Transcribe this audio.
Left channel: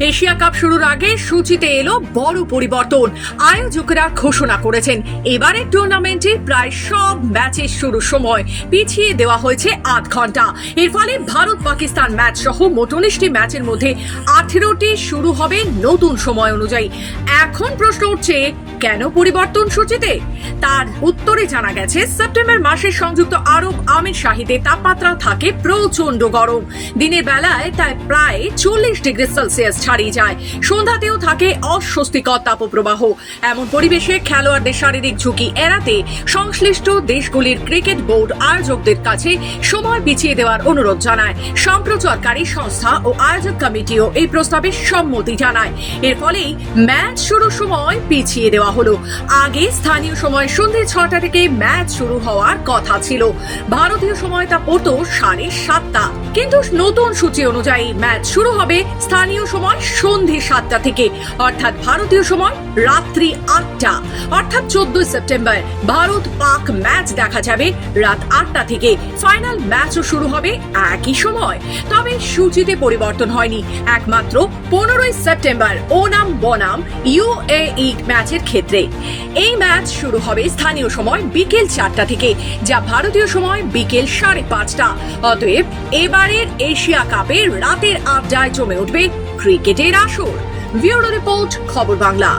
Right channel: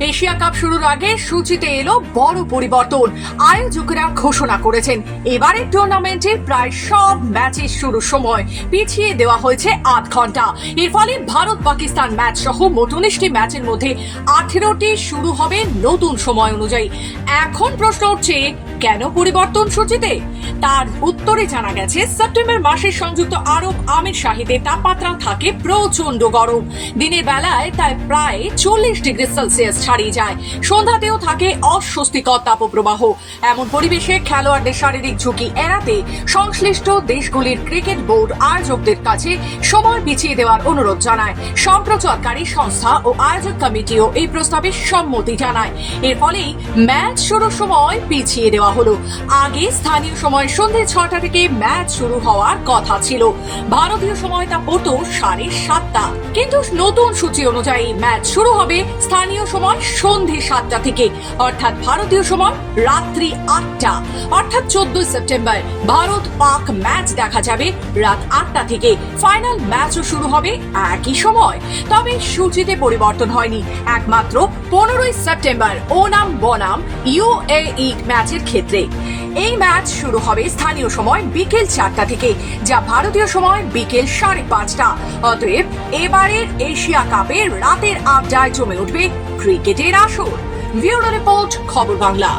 Asia cup শুরুর আগে সূচিতে এলো বড় পরিবর্তন। আয়োজকরা ঘোষণা করেছেন, এবারের টুর্নামেন্টের প্রায় সব ম্যাচের শুরুর সময় পিছিয়ে দেওয়া হয়েছে আধ ঘণ্টা। এর ফলে ভারত পাকিস্তান ম্যাচ সহ মোট উনিশটি ম্যাচের মধ্যে আঠেরোটি শুরু হবে নতুন সময় অনুযায়ী। এখন প্রশ্ন উঠছে, কেন পরিবর্তন সূচিতে? তার উত্তরে জানা গেছে, সেপ্টেম্বর মাসে সংযুক্ত আরব আমির শাহিদে তাপমাত্রা থাকে প্রচণ্ড গরম। দিনের বেলায় তাই প্রায় চল্লিশ ডিগ্রি সেলসিয়াস ছাড়িয়ে যায়। সন্ধ্যাতেও থাকে অস্বস্তিকর তাপপ্রবাহ। এমন পরিবেশে খেলোয়াড়দের শারীরিক ঝুঁকি এড়াতে সংশ্লিষ্ট দেশগুলির ক্রিকেট বোর্ড আয়োজকদের কাছে সময় পিছিয়ে দেওয়ার অনুরোধ জানায়। সম্প্রচারকারী সংস্থা ও আয়োজক কমিটিও এই প্রস্তাবে সম্মতি জানায়। এর ফলেই ম্যাচ শুরুর সময় পিছিয়ে দেওয়া হলো। আগে স্থানীয় সময় সন্ধ্যে ছটা থেকে ম্যাচ শুরু হওয়ার কথা ছিল। ভারতীয় সময় তা পড়তো সাড়ে সাতটা। কিন্তু নতুন সূচি অনুযায়ী ম্যাচ শুরু হবে স্থানীয় সময় সন্ধে সাতটা থেকে। অর্থাৎ ভারতীয় সময় রাত্রি আটটা। অর্থাৎ চোদ্দই সেপ্টেম্বর ভারত পাক ম্যাচ দেখা যাবে রাত আটটা থেকে। ফাইনাল ম্যাচও শুরু হবে একই সময়। তবে সূচিতে পরিবর্তন হয়নি। একমাত্র পনেরোই সেপ্টেম্বর ওনাম বনাম ইউএই ম্যাচের ক্ষেত্রে। এই ম্যাচ শুরু হবে স্থানীয় সময় বিকেল চারটা থেকে, যা ভারতীয় সময় বিকেল সাড়ে পাঁচটা। অতএব এবারের এশিয়া কাপের রাতের আড্ডায় জমে উঠবে ক্রিকেটের আসর ব্যুরো রিপোর্ট খবর বাংলা।